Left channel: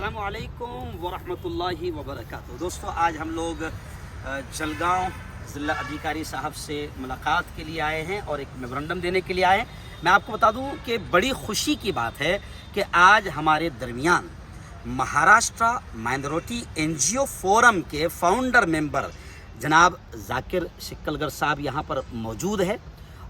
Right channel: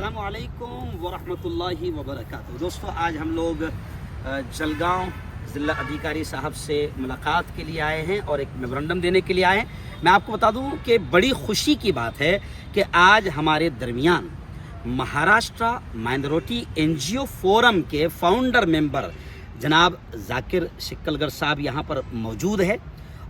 अस्सलामु अलैकुम वरहमतुल्लाहि वबरकातुहू। दोस्तों, आज हम लोग जलगांव ज़िला अधिकारी साहब से मुलाकात के लिए आए हैं और एक मेमोरेंडम देने के लिए आए हैं। मैं आपको बता दूं कि बड़ी खुशी की बात है कि आज हमारे दरमियान महाराष्ट्र माइनॉरिटी एनजीओ फोरम के फाउंडर मेंबर जनाब जाकिर शिक्कलगर साहब यहाँ पर मौजूद है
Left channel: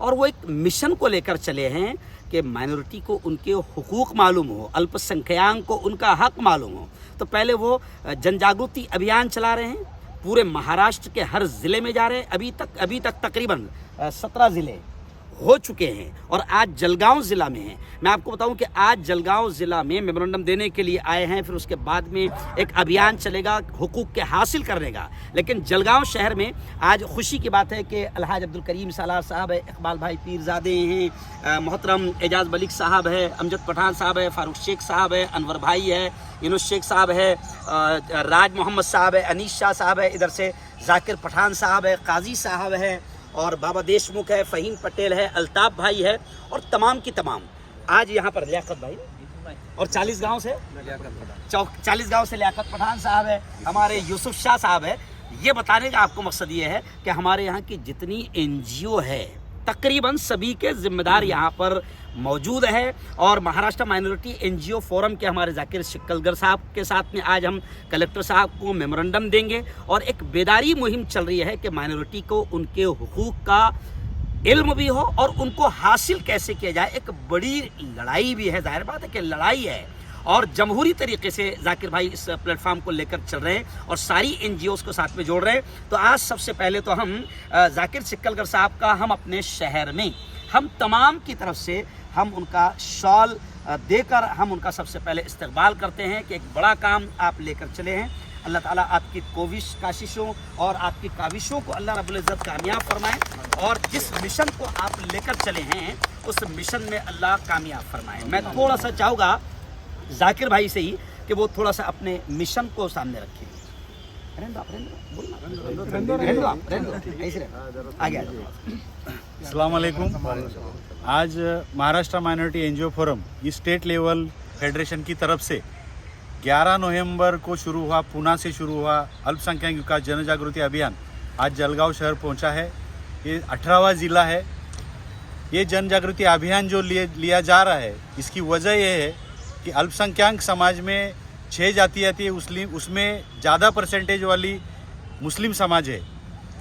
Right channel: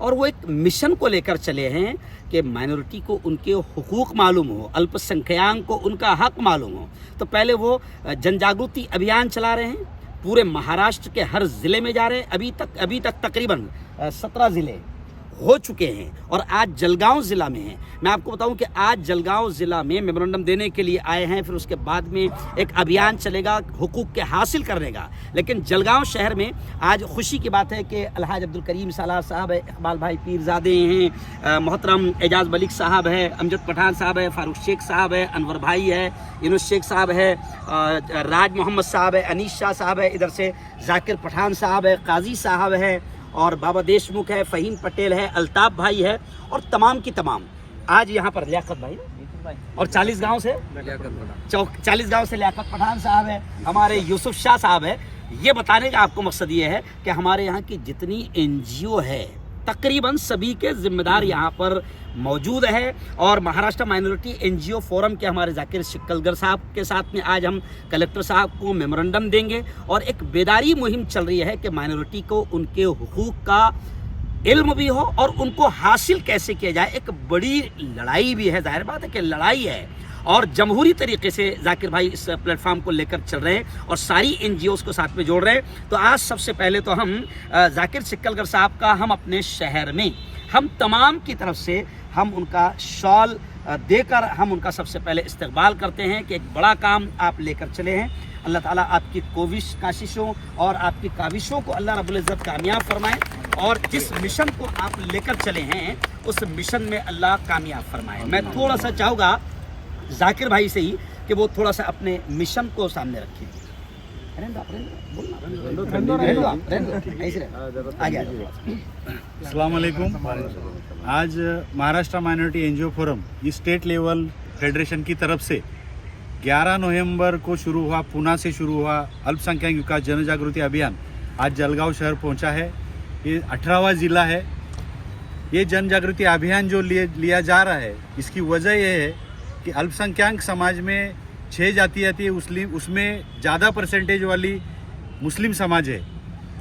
और वो एक मिशन को लेकर चले हैं कि माइनॉरिटी को उनके हुकूक मालूम हो, अल्पसंख्याक को उनका हक मालूम हो। तो पहले वो जनजागृति अभियान चला रहे हैं, पूरे महाराष्ट्र के हर ज़िले में जा रहे हैं। अभी तक तकरीबन 17 ज़िले हो चुके हैं और आज जलगांव ज़िला में हैं। मैं आपको बताऊं कि आज जलगांव ज़िला में मेमोरेंडम देने के लिए आए हैं, फिर उसके बाद में एक अभियान चलेगा हुकूक के हासिल करने का। लेकिन जलगांव शहर में आज खुशी की बात है कि अलहाज अब्दुल करीम सालार साहब है, इकबाल भाई पीरजादे हैं, मोहतरम एजाज मलिक साहब है, अमजद पठान साहब है, फारूक शेख साहब है, अनवर भाई है, यूनुस शेख साहब है, राज मोहम्मद साहब है, अनीस शाह साहब है, इधर से जाकिर पठान साहब है, काजी साहब है और बाबा देशमुख है, फ़हीम पटेल है, अल्ताफ़ भाई है और तमाम की तमाम आज यहाँ पर लियाकत भाई और 40 गांव से लियाकत पठान साहब है, हमारे यूसुफ शाह साहब है। ये बताने का आपको मकसद ये है कि हमारे यहाँ की जितनी एनजीओ है तकरीबन सभी के जिम्मेदार यहाँ पर मौजूद है और महाराष्ट्र माइनॉरिटी एनजीओ फोरम के हमारे जाकिर शिक्कलगर साहब के साथ में आज हम कलेक्टर साहब को मेमोरेंडम देंगे और एक बेदारी मुहिम चल रही है कि माइनॉरिटी को उनके हुकूक का इल्म भी हो और उनको हासिल कैसे किया जाए। एक बड़ी लड़ाई भी है, जाहिर बात है कि लड़ाई है और जमहूरी तरीके से जाकिर भाई इस प्लेटफॉर्म को लेकर चल रहे हैं और सारी एनजीओज़ को साथ में जोड़ रहे हैं। तो आज सबसे पहले तो हम जाकिर शिक्कलगर साहब का हम अपने शहर में हम तमाम की तरफ से हम उनका शॉल देकर हम उनका सबसे पहले इस्तकबाल करते हैं कि एक बड़ा काम आप लेकर चले हैं। अल्लाह ताला आपकी काशिशों और आपकी काविशों को अल्लाह रब्बुल इज़्ज़त कामयाब फरमाए और जिस मिशन को आप लेकर चले हैं उस मिशन में अल्लाह कामयाब फरमाए। मैं थोड़ा सा चाहूँगा जाकिर भाई से ही कि वो थोड़ा सा अपने मिशन को सामने रखें। अस्सलाम वालेकुम। आज महाराष्ट्र माइनॉरिटी एनजीओ फोरम इस स्टेट लेवल फेडरेशन की तरफ से 11 नवंबर को शुरू हुआ, पूना से शुरू हुआ अल्पसंख्यक विकास जनजागृति अभियान आज जलगांव शहर पहुंचा है। ये 18वां ज़िला है। ये जनजागृति अभियान जो लिया जा रहा है इसकी वजह यह है कि अल्पसंख्यक समाज में 6 जातियाँ थी, उसमें ज़्यादा परसेंटेज वाली मुस्लिम समाज है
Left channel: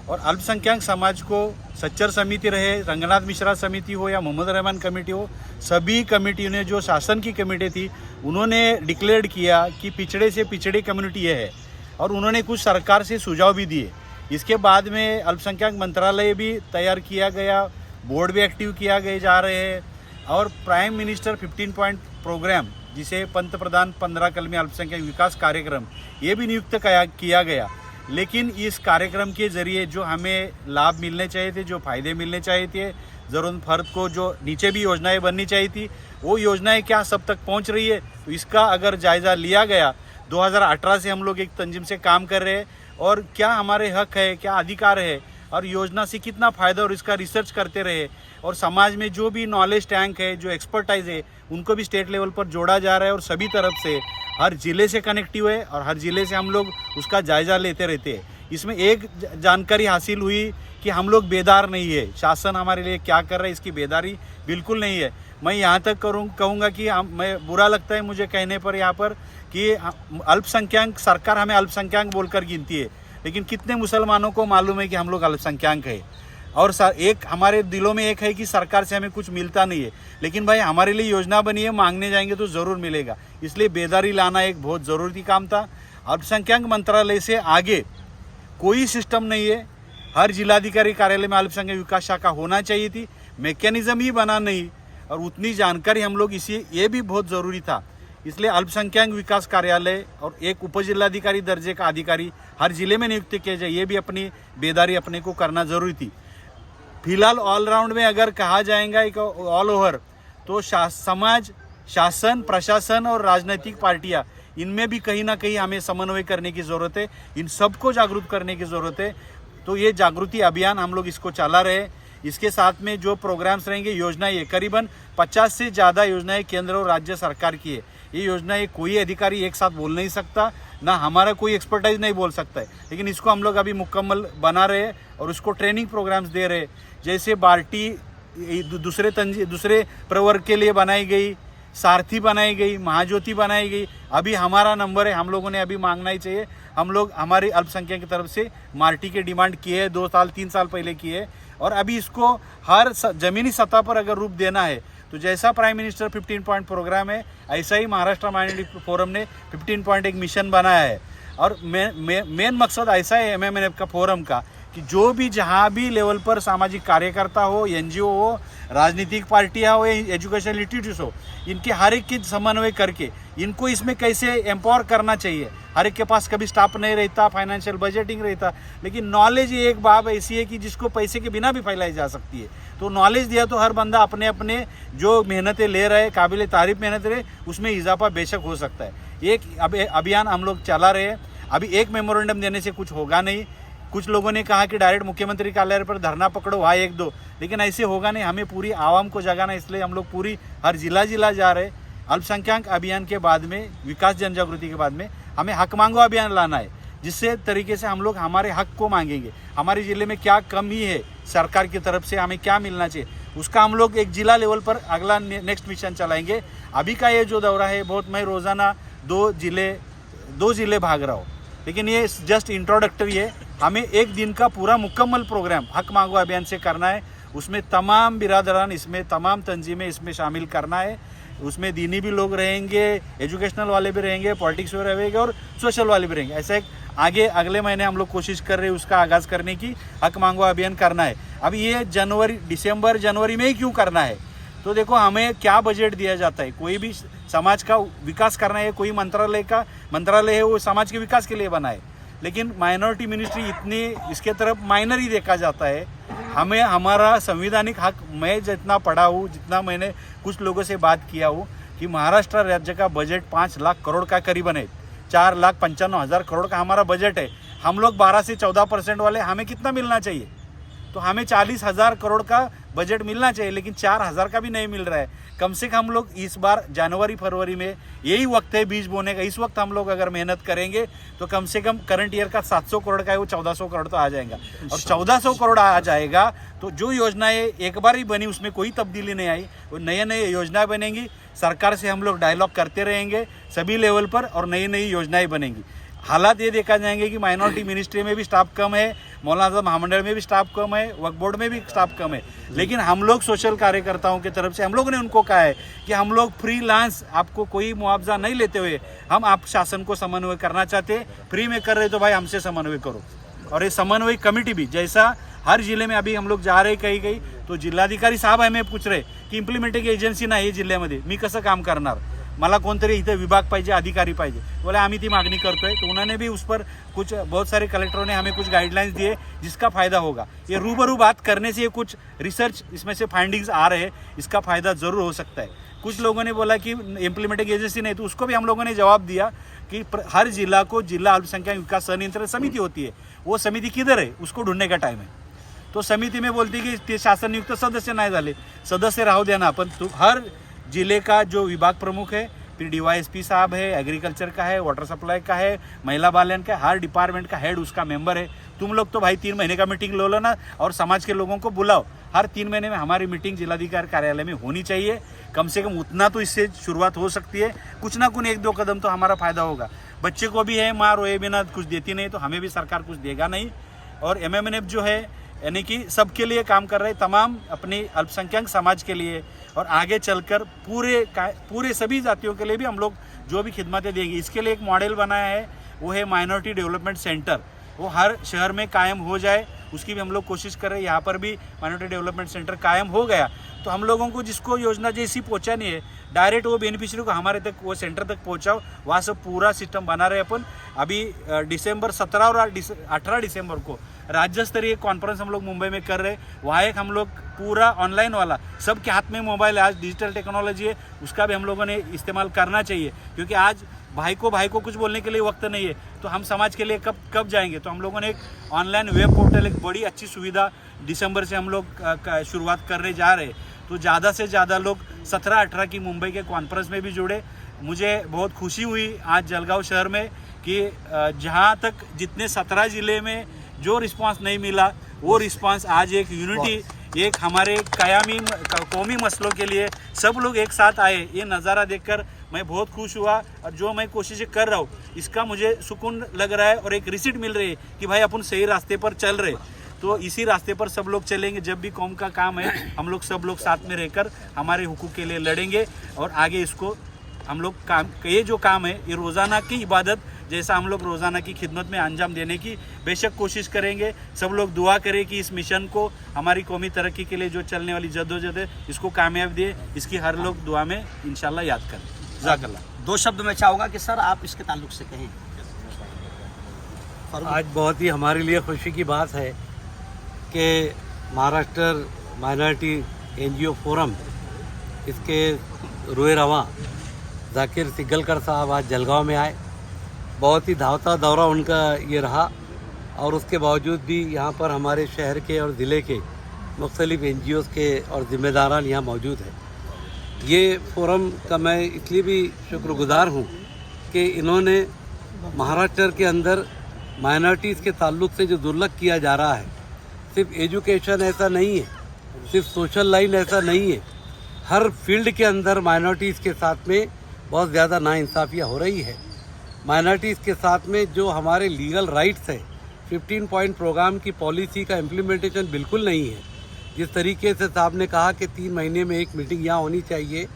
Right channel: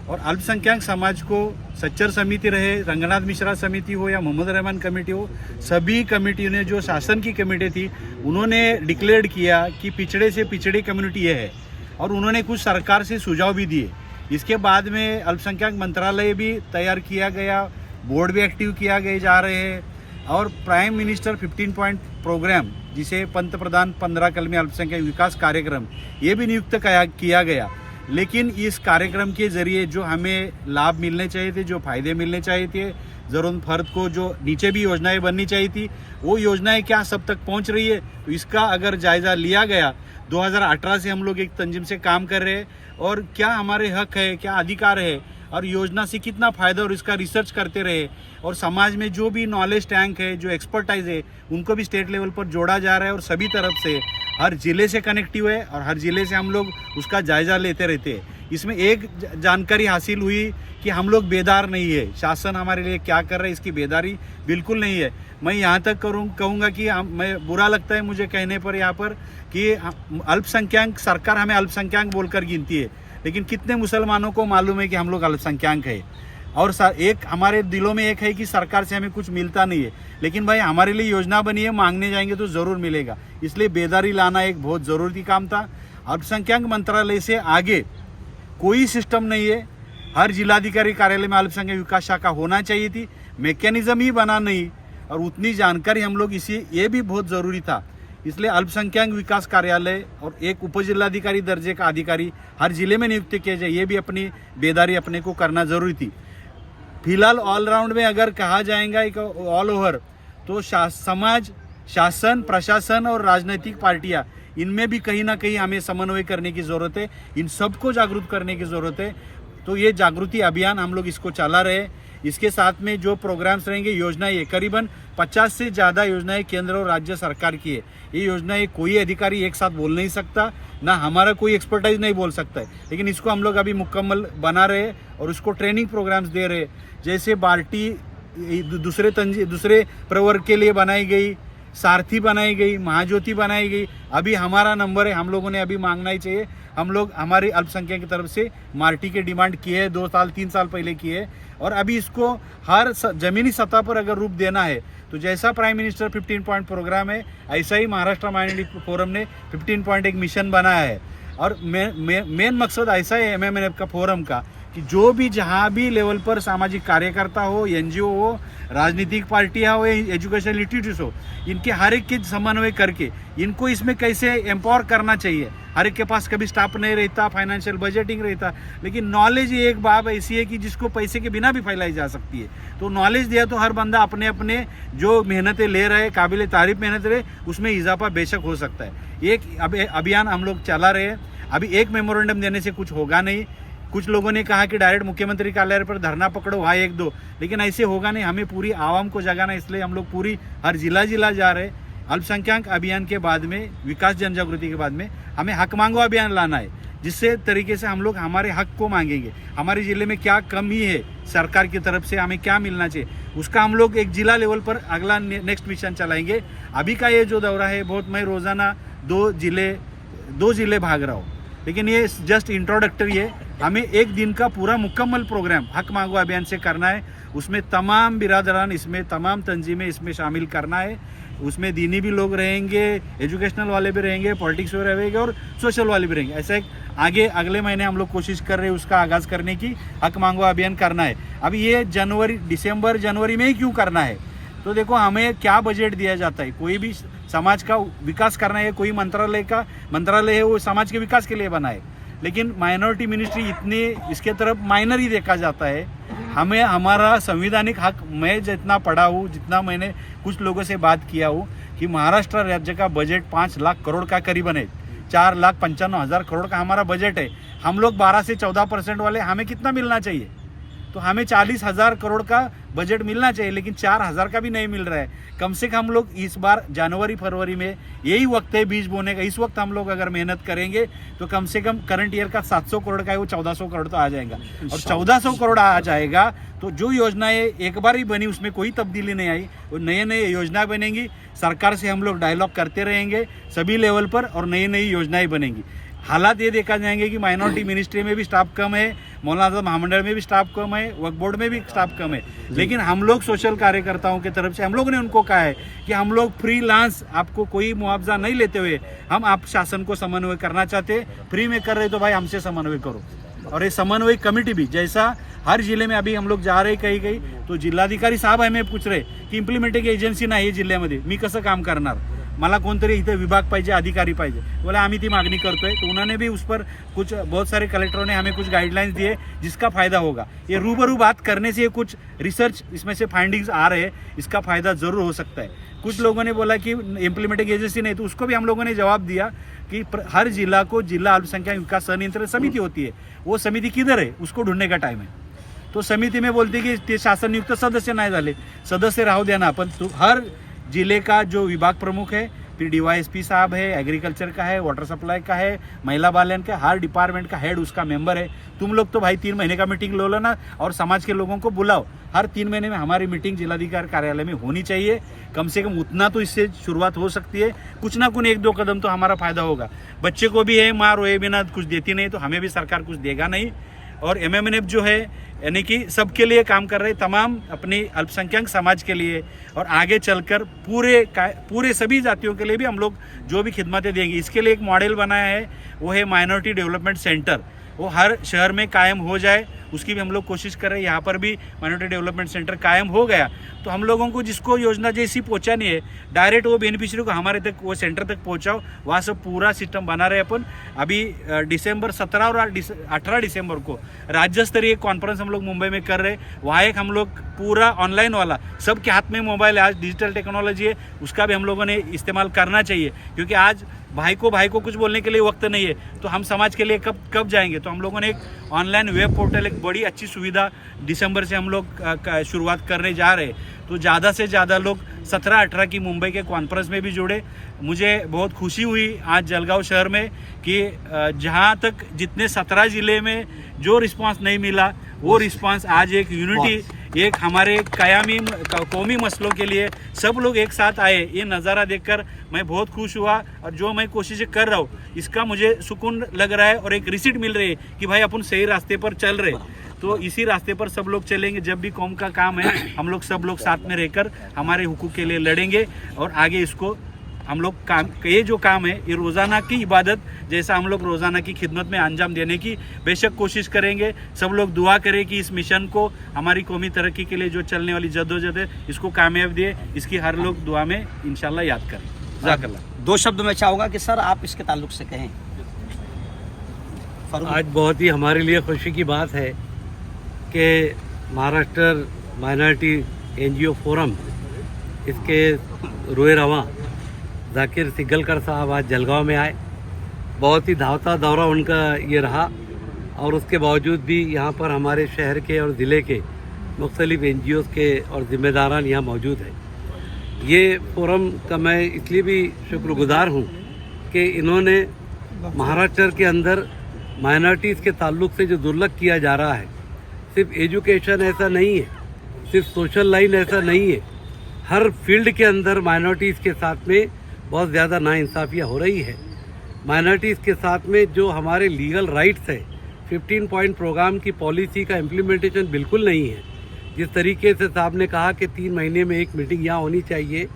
और अल्पसंख्यक समाज को सच्चर समिति रहे, रंगनाथ मिश्रा समिति हो या मोहम्मद रहमान कमेटी हो, सभी कमेटियों ने जो शासन की कमेटी थी उन्होंने डिक्लेयर किया कि पिछड़े से पिछड़ी कम्युनिटी ये है और उन्होंने कुछ सरकार से सुझाव भी दिए। इसके बाद में अल्पसंख्यक मंत्रालय भी तैयार किया गया, बोर्ड भी एक्टिव किया गए जा रहे हैं और प्राइम मिनिस्टर 15 पॉइंट प्रोग्राम जिसे पंतप्रधान 15 कलमी अल्पसंख्यक विकास कार्यक्रम ये भी नियुक्त किया गया। लेकिन इस कार्यक्रम के ज़रिए जो हमें लाभ मिलने चाहिए थे, जो फ़ायदे मिलने चाहिए थे, ज़रूरत फ़र्द को जो नीचे भी योजनाएं बननी चाहिए थी वो योजनाएं क्या सब तक पहुंच रही है। तो इसका अगर जायज़ा लिया गया, 2018 से हम लोग एक तंजीम से काम कर रहे हैं और क्या हमारे हक है, क्या अधिकार है और योजना से कितना फ़ायदा और इसका रिसर्च करते रहे और समाज में जो भी नॉलेज टैंक है, जो एक्सपर्टाइज है उनको भी स्टेट लेवल पर जोड़ा जा रहा है और सभी तरफ से हर ज़िले से कनेक्टिव है और हर ज़िले से हम लोग उसका जायज़ा लेते रहते हैं। इसमें एक जानकारी हासिल हुई कि हम लोग बेदार नहीं है, शासन हमारे लिए क्या कर रहा है इसकी बेदारी बिल्कुल नहीं है। मैं यहाँ तक कहूँगा कि मैं बुरा लगता है मुझे कहने पर यहाँ पर कि अल्पसंख्यक सरकार हमें अल्पसंख्यक बोलकर गिनती है, लेकिन कितने मुसलमानों को मालूम है कि हम लोग अल्पसंख्यक है और एक हमारे दिलों में एक है कि सरकार से हमें कुछ मिलता नहीं है। लेकिन भाई हमारे लिए योजना बनी है, मांगने जाएंगे तो ज़रूर मिलेगा, इसलिए बेदारी लाना एक बहुत ज़रूरी काम था। अल्पसंख्यक मंत्रालय से आगे कोई सिस्टम नहीं है, हर जिलाधिकारी कार्यालय में अल्पसंख्यक विकास शाखा होना चाहिए थी, मैकेनिज्म ही बना नहीं और उतनी जानकारी हम लोग ये भी बहुत ज़रूरी था। इसलिए अल्पसंख्यक विकास कार्यालय और एक उपजिलाधिकारी दर्जे का अधिकारी हर ज़िले में नियुक्त किया जाए, ये भी अपनी बेदारी अपने को करना ज़रूरी थी। फिलहाल ऑलराउंड में अगर कहा जाएगा एक ऑल ओवर तो समाज, शासन, प्रशासन और राजनीतिक पार्टियां इनमें भी कहीं ना कहीं हमें समन्वय करने की ज़रूरत है, इन सबको जागरूक करने की ज़रूरत है। तो ये जागृति अभियान हम लोग इसको चला रहे हैं। इसके साथ में जो प्रोग्राम्स रहेंगे, योजनाएं करीबन 50 से ज़्यादा योजनाएं केंद्र और राज्य सरकार की है। ये योजना ये कोई अधिकारी एक साथ बोल नहीं सकता, ना हमारा कोई एक्सपर्टाइज नहीं बोल सकता है, लेकिन इसको हम लोग अभी मुकम्मल बना रहे हैं और उसको ट्रेनिंग प्रोग्राम्स दे रहे हैं। जैसे बाल्टी दूसरे प्रवर्ग के लिए बनाई गई, सारथी बनाई गई, महाज्योति बनाई गई। अभी हमारा नंबर है, हम लोगों ने अभी मांगना ही चाहिए। हम लोग हमारी अल्पसंख्यक की तरफ से माल्टी के डिमांड किए है, 2 साल 3 साल पहले किए, और अभी इसको हर ज़मीनी सतह पर अगर रूप देना है तो जैसा प्राइम मिनिस्टर 15 पॉइंट प्रोग्राम है, ऐसा ही महाराष्ट्र माइनॉरिटी फोरम ने 15 पॉइंट एक मिशन बनाया है। और मेन मकसद ऐसा है MMNF का फोरम का कि जो भी जहाँ भी लेवल पर सामाजिक कार्यकर्ता हो, NGO हो, राजनीतिक पार्टियाँ हो, एजुकेशनल इंस्टीट्यूट हो, इनके हर एक के समन्वय करके इनको इसमें कैसे एम्पावर करना चाहिए। हर एक के पास कभी स्टाफ नहीं रहता, फाइनेंशियल बजटिंग रहता, लेकिन नॉलेज एक बात ऐसी है कि जिसको पैसे के बिना भी फैलाई जा सकती है। तो नॉलेज दिया तो हर बंदा अपने अपने जो मेहनतें ले रहे, काबिल तारीफ मेहनत रहे, उसमें इजाफा बेशक हो सकता है। एक अभियान हम लोग चला रहे हैं। अभी एक मेमोरेंडम देने से कुछ होगा नहीं। कुछ लोगों ने कहा कि डायरेक्ट मुख्यमंत्री कार्यालय पर धरना पकड़ो, वहाँ 1-2, लेकिन ऐसे होगा नहीं। हमें पूरी आवाम को जगाना, इसलिए हम लोग पूरी हर जिला जा रहे। अल्पसंख्यक अभियान के बाद में, विकास जन जागृति के बाद में हमें हक मांगो अभियान लाना है, जिससे तरीके से हम लोग हमारे हक को मांगेंगे। हमारे ज़िले में क्या कमी है, सरकार की तरफ से हमें क्या मिलना चाहिए, उसका हम लोग एक जिला लेवल पर अगला नेक्स्ट मिशन चलाएंगे। अभी का ये जो दौरा है बहुत, मैं रोज़ाना 2 जिले भाग रहा हूँ, लेकिन ये जस्ट इंट्रोडक्टरी है। हमें एक दिन का पूरा मुकम्मल प्रोग्राम हक मांगो अभियान से करना है। उसमें तमाम बिरादरान, इसमें तमाम तंजीमें इसमें शामिल करना है। उसमें दीनी भी लोग रहेंगे, एजुकेशनल वाले भी रहेंगे, पॉलिटिक्स वाले रहेंगे और सोशल वाले भी रहेंगे। ऐसे आगे अगले महीने हम लोग कोशिश कर रहे हैं उसका आगाज़ करने की, हक मांगो अभियान करना है। अब ये दिसंबर जनवरी में ही क्यों करना है? तो देखो, हमें क्या बजट दिया जाता है, कोई भी समाज का विकास करना है, कोई मंत्रालय है वो समाज के विकास के लिए बना है, लेकिन माइनॉरिटी मिनिस्ट्री इतनी इसके तरफ माइनर ही देखा जाता है। हमें हमारा संवैधानिक हक, मैं जितना पढ़ा हूँ, जितना मैंने कुछ लोगों से बात किया हूँ, कि महाराष्ट्र राज्य का बजट 5 लाख करोड़ का करीबन है। 4,95,000 करोड़ का हमारा बजट है। हम लोग 12 से 14% वाले, हमें कितना मिलना चाहिए? तो हमें 40,000 करोड़ का बजट मिलना चाहिए, लेकिन 4,000 का भी नहीं मिल रहा है। कम से कम हम लोग इस बार जनवरी फरवरी में, यही वक्त है बीज बोने का, इस वक्त हम लोग अगर मेहनत करेंगे तो कम से कम करंट ईयर का 700 करोड़ का है वो 1400 करोड़ तो आ जाएगा। और 1400 करोड़ आ जाएगा तो जो योजनाएं एक बार ही बनी उसमें कोई तब्दीली नहीं आई, वो नए योजनाएं बनेंगी। सरकार से हम लोग डायलॉग करते रहेंगे सभी लेवल पर, और नई योजनाएं बनेंगी। हालात ये देखा जाएंगे कि माइनॉरिटी मिनिस्ट्री में भी स्टाफ कम है, मौलाना आज़म महामंडल में भी स्टाफ कम है, वक्फ बोर्ड में भी स्टाफ कम है, लेकिन हम लोग सोशल कार्यकर्ताओं की तरफ से हम लोगों ने उनको कहा है कि हम लोग फ्रीलांस, आपको कोई मुआवजा नहीं लेते हुए हम आप शासन को समन्वय करना चाहते, फ्री में कर रहे तो भाई हमसे समन्वय करो। और ये समन्वय कमेटी भी, जैसा हर जिले में अभी हम लोग जा रहे कहीं तो जिल्हाधिकारी साहेब हमें पूछ रहे की इम्प्लिमेंटिंग एजन्सी नाही जिल्ह्यामध्ये, मी कसं काम करणार, मला कोणतरी इथं विभाग पाहिजे, अधिकारी पाहिजे। बोले आम्ही ती मागणी करतोय, तो उन्होंने भी उस पर कुछ बहुत सारे कलेक्टरों ने हमें कुछ गाइडलाइंस दिए जिसका फ़ायदा होगा। ये रूबरू बात करने से कुछ रिसर्च इसमें से फाइंडिंग्स आ रहे हैं, इसका फ़ायदा ज़रूर हो सकता है। कुछ लोगों ने बोला कि इम्प्लीमेंटिंग एजेंसी नहीं, तो उसको भी हम लोगों ने जवाब दिया कि हर जिला को जिला अल्पसंख्यक विकास संनियंत्रण समिति होती है, वो समिति किधर है उसको ढूंढने का टाइम है। तो समिति में बोलती कि ते शासन नियुक्त सदस्य नहीं झाले, सदस्य राहू देना, पण हर जिले का जो विभाग प्रमुख है, फिर DYSP साहब है, एग्रीकल्चर का है, वाटर सप्लाई का है, महिला बालन का, हर डिपार्टमेंट का हेड उसका मेंबर है। तुम लोग तो भाई 3 महीने का मीटिंग लो ना, और समाज के लोगों को बुलाओ। हर 3 महीने में हमारी मीटिंग जिलाधिकारी कार्यालय में होनी चाहिए। कम से कम उतना तो इससे शुरुआत हो सकती है, कुछ ना कुछ 1-2 कदम तो हमारा फायदा होगा। बच्चे को भी है, माँ रोए बिना कुछ देती नहीं, तो हमें भी सरकार कुछ देगा नहीं। और MMNF जो है यानी कि सबके लिए काम कर रहे, तमाम अपनी अल्पसंख्यक समाज के लिए, और आगे चलकर पूरे सभी जातियों के लिए भी हम लोग जो भी खिदमतें देंगे। इसके लिए एक मॉडल बनाया है, वो है माइनॉरिटी डेवलपमेंट सेंटर। वो हर शहर में कायम हो जाए, उसकी भी हम लोग कोशिश कर रहे हैं। यहाँ पर भी माइनॉरिटी डेवलपमेंट सेंटर कायम हो गया तो हम लोगों को जिसको योजना जैसी पहुँचानी है, डायरेक्ट वो बेनिफिशियरी को हमारे तक, वो सेंटर तक पहुँचाओ। वहाँ से पूरा सिस्टम बना रहे अपन। अभी दिसंबर 17 और 18 दिसंबर को राज्य स्तरीय कॉन्फ्रेंस हम लोग मुंबई में कर रहे हैं। वहाँ एक हम लोग पूरा ऑनलाइन वाला, सबके हाथ में मोबाइल है, आज डिजिटल टेक्नोलॉजी है, उसका भी हम लोगों ने इस्तेमाल करना चाहिए, क्योंकि आज भाई को कुछ बोलने के लिए वक्त नहीं है, तो हम समाज के लिए कब जाएंगे। तो हम लोगों ने एक ऑनलाइन वेब पोर्टल, एक बड़ी अच्छी सुविधा दिसंबर से हम लोग शुरुआत करने जा रहे हैं। तो ज़्यादा से ज़्यादा लोग 17-18 की मुंबई के कॉन्फ्रेंस में भी जुड़े, मुझे बहुत खुशी हुई आज जलगांव शहर में कि जहां तक जितने 17 ज़िले में जो रिस्पांस नहीं मिला वो रिस्पांस आज एक यूनिटी, एक हमारे कायमी कौमी मसलों के लिए सब लोग एक साथ आए, ये नज़ारा देखकर मैं बहुत खुश हुआ। और जो मैं कोशिशें कर रहा हूँ इसका मुझे सुकून लग रहा है और एक रिसीट मिल रही है कि भाई अपन सही रास्ते पर चल रहे। तो इसी रास्ते पर सब लोग चलेंगे। जब भी कौम का काम है हम लोग सब लोग साथ में रहकर हमारे हुकूक के लिए लड़ेंगे और आगे इसको हम लोग काम, ये जो काम है ये रोज़ाना की इबादत जैसा हम लोग रोज़ाना की खिदमत में अंजाम देने की बेशक कोशिश करेंगे। सब लोग दुआ करें कि इस मिशन को, हमारी कौमी तरक्की के लिए जो चलने वाली जद्दोजहद है, इसको कामयाब दिए। इसकी हर लोग दुआ में इंशाल्लाह याद करें। जज़ाकल्लाह। 2 शब्द में चाहूँगा कि सर आप इसके ताल्लुक से कहें। आज बहुत ही हमारे लिए खुशी की बात है कि महाराष्ट्र माइनॉरिटी NGO फोरम, इसके रोए रवां जाकिर सिग्गलकर साहब आज जलगांव में आए। बहुत ही धावता दौरा उनका ये रहा और उसके बावजूद भी यहाँ पर हमारे शहर के और ज़िले के मुख्तलिफ NGOs के और ज़िम्मेदारान यहाँ मौजूद हैं। ये फोरम का मैं इसलिए भी शुक्रगुजार हूँ कि इन्होंने महाराष्ट्र के अंदर माइनॉरिटीज़ के ताल्लुक से जो दुर्लभ किया जा रहा है, सिर्फ एजुकेशन ऐसा नहीं है, सिर्फ सोशल लाइन ऐसा नहीं है, हर फील्ड के अंदर माइनॉरिटीज़ के साथ में बहुत ज़्यादा नाइंसाफ़ियाँ हो रही है। माइनॉरिटीज़ के साथ में जो हमारे लीगल राइट्स है, 15 पॉइंट प्रोग्राम की पॉलिसी का इम्प्लीमेंटेशन बिल्कुल नहीं है। जिस तरीके से साहब ने कहा कि 3 महीने में एक मीटिंग यहाँ होनी चाहिए,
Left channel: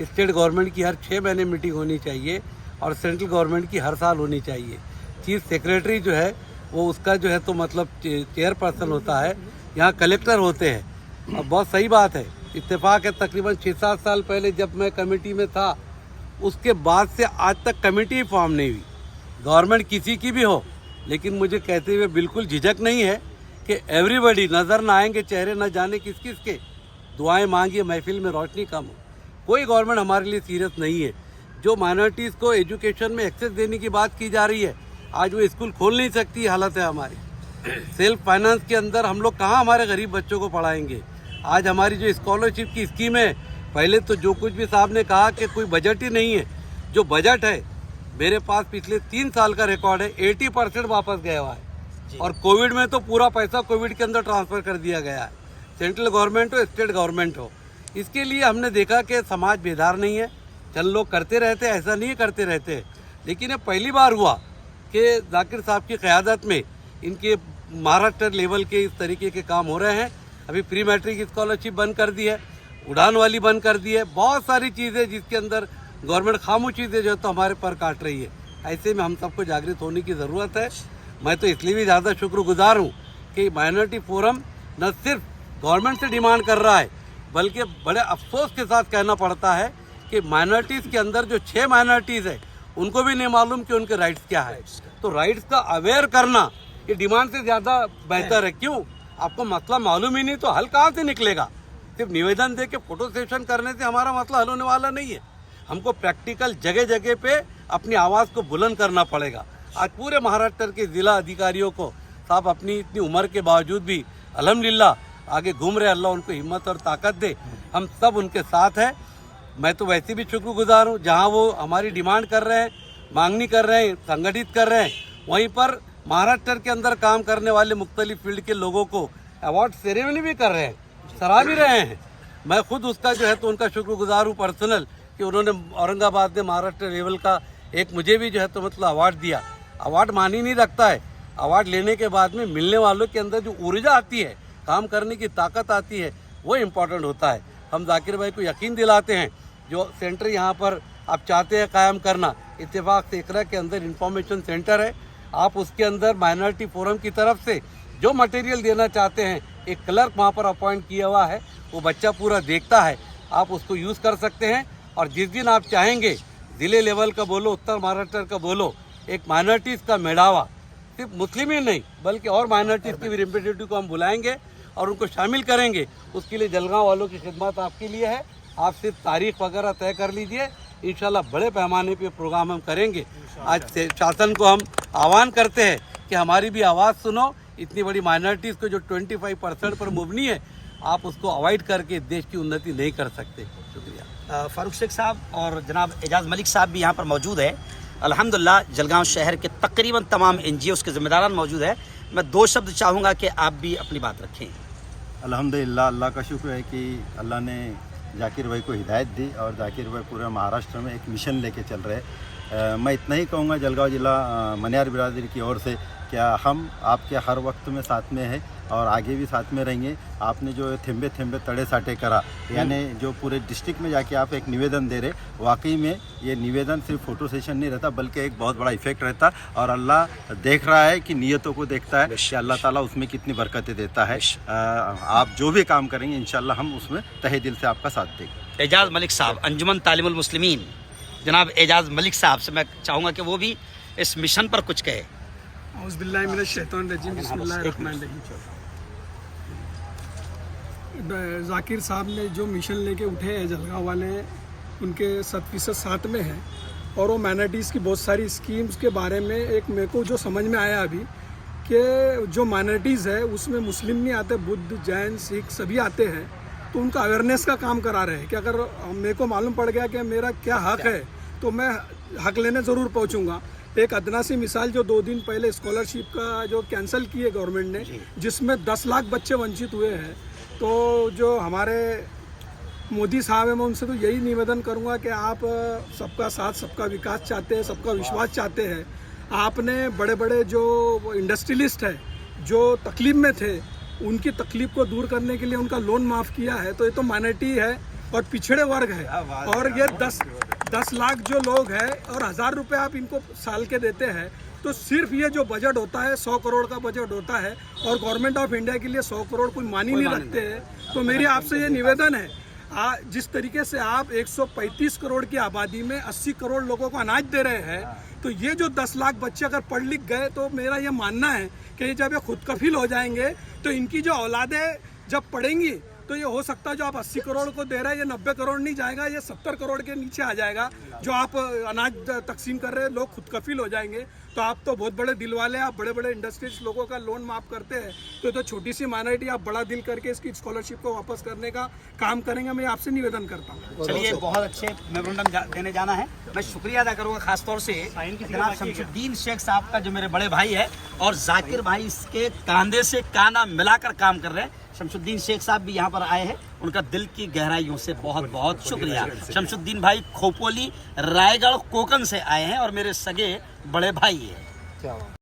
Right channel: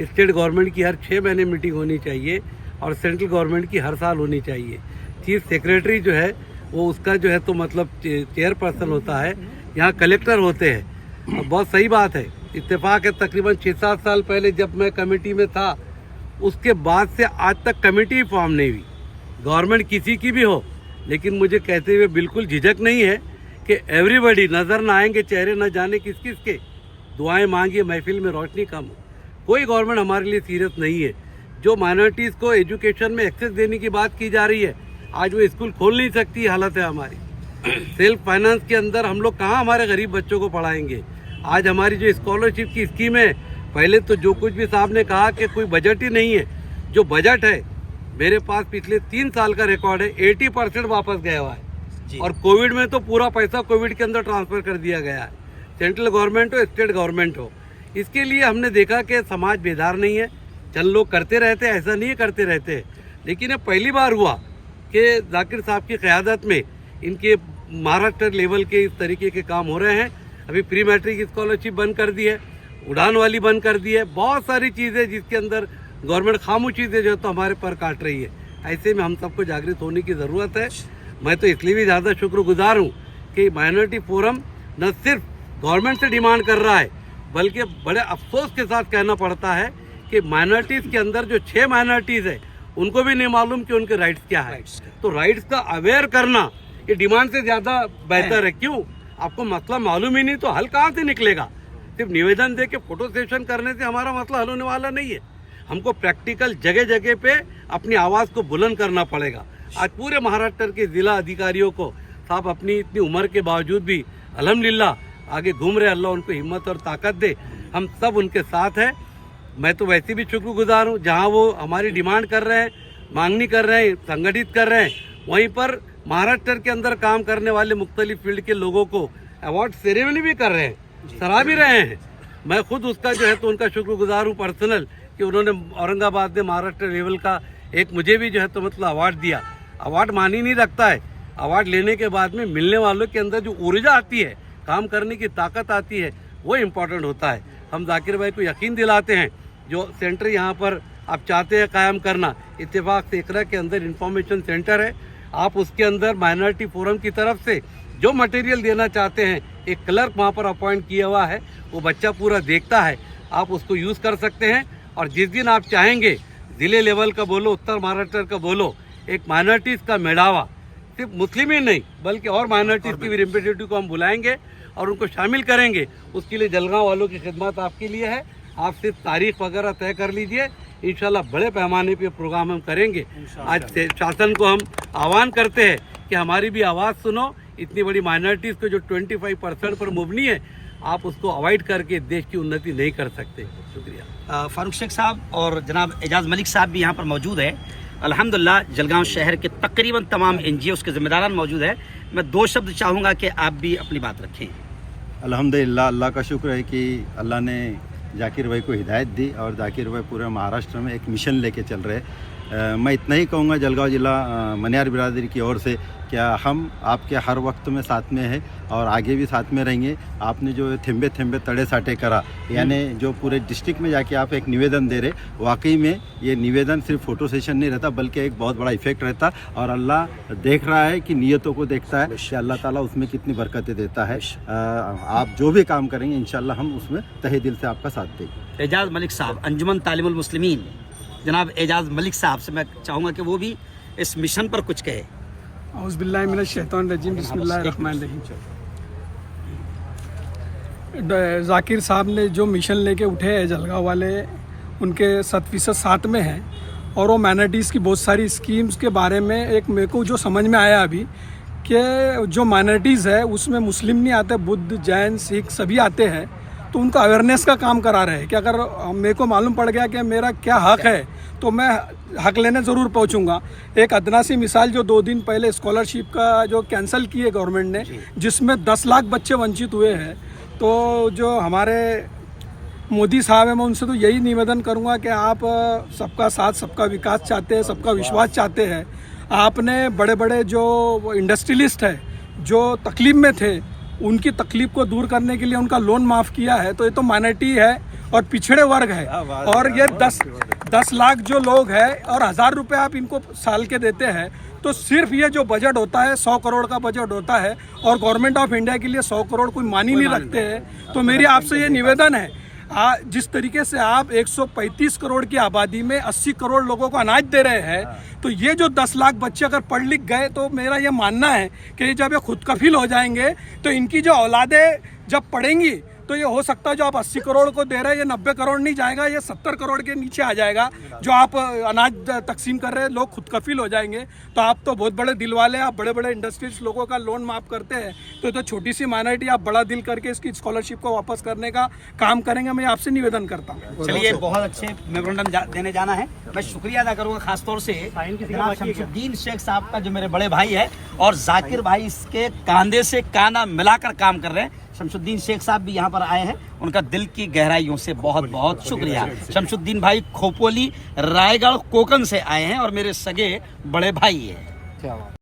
स्टेट गवर्नमेंट की हर 6 महीने मीटिंग होनी चाहिए और सेंट्रल गवर्नमेंट की हर साल होनी चाहिए। चीफ सेक्रेटरी जो है वो उसका जो है तो मतलब चेयरपर्सन होता है, यहाँ कलेक्टर होते हैं। और बहुत सही बात है, इत्तेफाक है तकरीबन 6-7 साल पहले जब मैं कमेटी में था, उसके बाद से आज तक कमेटी फॉर्म नहीं हुई। गवर्नमेंट किसी की भी हो, लेकिन मुझे कहते हुए बिल्कुल झिझक नहीं है कि एवरीबॉडी नज़र ना आएंगे चेहरे, न जाने किस किस के, दुआएं मांगिए महफिल में रोशनी कम हो। कोई गवर्नमेंट हमारे लिए सीरियस नहीं है। जो माइनॉरिटीज़ को एजुकेशन में एक्सेस देने की बात की जा रही है, आज वो स्कूल खोल नहीं सकती हालत है हमारी। सेल्फ फाइनेंस के अंदर हम लोग कहाँ हमारे गरीब बच्चों को पढ़ाएंगे। आज हमारी जो स्कॉलरशिप की स्कीम है, पहले तो जो कुछ भी साहब ने कहा कि कोई बजट ही नहीं है, जो बजट है मेरे पास पिछले 3 साल का रिकॉर्ड है, 80% वापस गया हुआ है। और कोविड में तो पूरा पैसा कोविड के अंदर ट्रांसफ़र कर दिया गया है, सेंट्रल गवर्नमेंट हो स्टेट गवर्नमेंट हो। इसके लिए हमने देखा कि समाज बेदार नहीं है, चल लोग करते रहते, ऐसा नहीं करते रहते, लेकिन ये पहली बार हुआ कि जाकिर साहब की क़यादत में इनके महाराष्ट्र लेवल के इस तरीके के काम हो रहे हैं। अभी प्री मैट्रिक स्कॉलरशिप बंद कर दी है, उड़ान वाली बंद कर दी है, बहुत सारी चीज़ें जिसके अंदर गवर्नमेंट खामोशी से जो तो हमारे पर काट रही है। ऐसे में हम सबको जागृत होने की ज़रूरत है। मैं तो इसलिए भी ज़्यादा शुक्रगुजार हूँ कि माइनॉरिटी फोरम न सिर्फ गवर्नमेंट से डिमांड कर रहा है, बल्कि बड़े अफसोस के साथ कहना पड़ता है कि माइनॉरिटीज़ के अंदर जो 6 माइनॉरिटीज़ है उनको भी नहीं मालूम कि उनके राइट्स क्या है। तो राइट्स का अवेयर करना ये डिमांड से ज़्यादा बेहतर है। क्यों? आपको मसला मालूम ही नहीं तो हल कहाँ से निकलेगा। सिर्फ निवेदन दे के फोटो सेशन करने से हमारा मसला हल होने वाला नहीं है। हमको प्रैक्टिकल जगह जगह पे अपनी आवाज़ को बुलंद करना पड़ेगा। आज पूरे महाराष्ट्र के ज़िला अधिकारियों को साहब अपनी इतनी उम्र के बावजूद भी अल्हम्दुलिल्लाह आगे घूम रहे, अल्लाह उनको हिम्मत और ताकत दे। हम सब उनके साथ हैं। मैं तो वैसे भी शुक्रगुजार हूँ, जहाँ वो हमारी डिमांड कर रहे हैं, मांगनी कर रहे हैं, संगठित कर रहे हैं, वहीं पर महाराष्ट्र के अंदर काम करने वाले मुख्तलिफ फील्ड के लोगों को अवार्ड सेरेमनी भी कर रहे हैं, सराह भी रहे हैं। मैं खुद उसका जो है तो उनका शुक्रगुजार हूँ पर्सनल, कि उन्होंने औरंगाबाद में महाराष्ट्र लेवल का एक मुझे भी जो है तो मतलब अवार्ड दिया। अवार्ड मानी नहीं रखता है, अवार्ड लेने के बाद में मिलने वालों के अंदर जो ऊर्जा आती है, काम करने की ताकत आती है, वो इम्पोर्टेंट होता है। हम जाकिर भाई को यकीन दिलाते हैं, जो सेंटर यहाँ पर आप चाहते हैं कायम करना, इत्तेफाक से इकरा के अंदर इंफॉर्मेशन सेंटर है, आप उसके अंदर माइनॉरिटी फोरम की तरफ से जो मटेरियल देना चाहते हैं, एक क्लर्क वहाँ पर अपॉइंट किया हुआ है, वो बच्चा पूरा देखता है, आप उसको यूज़ कर सकते हैं। और जिस दिन आप चाहेंगे ज़िले लेवल का बोलो, उत्तर महाराष्ट्र का बोलो, एक माइनॉरिटीज़ का मेड़ावा, सिर्फ मुस्लिम ही नहीं बल्कि और माइनॉरिटीज़ के भी रिप्रेजेंटेटिव को हम बुलाएंगे और उनको शामिल करेंगे। उसके लिए जलगांव वालों की खिदमत आपके लिए है। आप सिर्फ तारीख वगैरह तय कर लीजिए, इंशाल्लाह बड़े पैमाने पे प्रोग्राम हम करेंगे। आज शासन को हम आह्वान करते हैं कि हमारी भी आवाज़ सुनो। इतनी बड़ी माइनॉरिटीज़ को जो 25% पर मुबनी है, आप उसको अवॉइड करके देश की उन्नति नहीं कर सकते। शुक्रिया। फारूक शेख साहब और जनाब एजाज मलिक साहब भी यहाँ पर मौजूद है। अल्हम्दुलिल्लाह जलगांव शहर के तकरीबन तमाम NGOs के ज़िम्मेदारान मौजूद है। मैं 2 शब्द चाहूँगा कि आप भी अपनी बात रखें। अल्हम्दुलिल्लाह, अल्लाह का शुक्र है कि अल्लाह ने जाकिर भाई को हिदायत दी और जाकिर भाई पूरे महाराष्ट्र में एक मिशन लेके चल रहे हैं। मैं इतना ही कहूँगा जलगांव ज़िला मनियार बिरादरी की ओर से, क्या हम आपके हर वक्त में साथ में है और आगे भी साथ में रहेंगे। आपने जो थेम्बे थेम्बे तड़े साटे करा, यानी जो पूरे डिस्ट्रिक्ट में जाके आप एक निवेदन दे रहे, वाकई में ये निवेदन सिर्फ फ़ोटो सेशन नहीं रहता बल्कि एक बहुत बड़ा इफेक्ट रहता और अल्लाह देख रहा है कि नीयतों को देखता है कि अल्लाह ताला उसमें कितनी बरकतें देता है। आप जो भी काम करेंगे इंशाल्लाह हम उसमें तहे दिल से आपका साथ देंगे। एजाज मलिक साहब, अंजुमन तालिमुल मुस्लिमीन, जनाब एजाज मलिक साहब से मैं चाहूँगा कि वो भी इस मिशन पर कुछ कहे। औज़ुबिल्लाहि मिनश शैतानिर रजीम, बिस्मिल्लाहिर्रहमानिर्रहीम। जाकिर साहब ने जो मिशन लेके उठे हैं जलगांव वाले, उनके 100% साथ में हैं और वो माइनॉरिटीज़ की बहुत सारी स्कीम्स के बारे में एक मेरे को जो समझ में आया अभी कि जो माइनॉरिटीज़ है उसमें मुस्लिम नहीं आते, बुद्ध, जैन, सिख सभी आते हैं, तो उनका अवेयरनेस का काम करा रहे हैं कि अगर मेरे को मालूम पड़ गया कि मेरा क्या हक है तो मैं हक लेने ज़रूर पहुंचूंगा। एक अदना सी मिसाल, जो 2 दिन पहले स्कॉलरशिप का जो कैंसिल की है गवर्नमेंट ने, जिसमें 10 लाख बच्चे वंचित हुए हैं, तो जो हमारे मोदी साहब हैं, मैं उनसे तो यही निवेदन करूंगा कि आप सबका साथ, सबका विकास चाहते हैं, सबका विश्वास चाहते हैं। आपने बड़े बड़े जो इंडस्ट्रियलिस्ट हैं जो तकलीफ में थे, उनकी तकलीफ को दूर करने के लिए उनका लोन माफ़ किया है, तो ये तो माइनॉरिटी है और पिछड़े वर्ग है। और ये 10 लाख जो लोग हैं और 1000 रुपये आप इनको साल के देते हैं, तो सिर्फ ये जो बजट होता है 100 करोड़ का बजट होता है और गवर्नमेंट ऑफ इंडिया के लिए 100 करोड़ कोई मान ही नहीं रखते हैं। तो मेरी आपसे ये निवेदन है, जिस तरीके से आप 135 करोड़ की आबादी में 80 करोड़ लोगों को अनाज दे रहे हैं, तो ये जो 10 लाख बच्चे अगर पढ़ लिख गए, तो मेरा ये मानना है कि जब ये खुद कफील हो जाएंगे तो इनकी जो औलादें जब पढ़ेंगी तो ये हो सकता है जो आप 80 करोड़ को दे रहे हैं ये 90 करोड़ नहीं जाएगा, ये 70 करोड़ के नीचे आ जाएगा। जो आप अनाज तकसीम कर रहे हैं, लोग खुद कफील हो जाएंगे। तो आप तो बहुत बड़े दिल वाले हैं, आप बड़े बड़े इंडस्ट्रीज लोगों का लोन माफ करते हैं, तो छोटी सी माइनॉरिटी आप बड़ा दिल करके इसकी स्कॉलरशिप को वापस करने का काम करेंगे। मैं आपसे निवेदन करता हूँ। चलिए, बहुत अच्छे मेमोरेंडम देने जाना है। मैं शुक्रिया अदा करूँगा खासतौर से जनाब शमशुद्दीन शेख साहब का, जो मेरे बड़े भाई है और जाकिर भाई इसके कंधे से कांधा मिलाकर काम कर रहे हैं। शमशुद्दीन शेख साहब भी यहाँ पर आए हैं, उनका दिल की गहराइयों से बहुत बहुत शुक्रिया। शमशुद्दीन भाई खोपोली, रायगढ़, कोकन से आए हैं और मेरे सगे बड़े भाई हैं।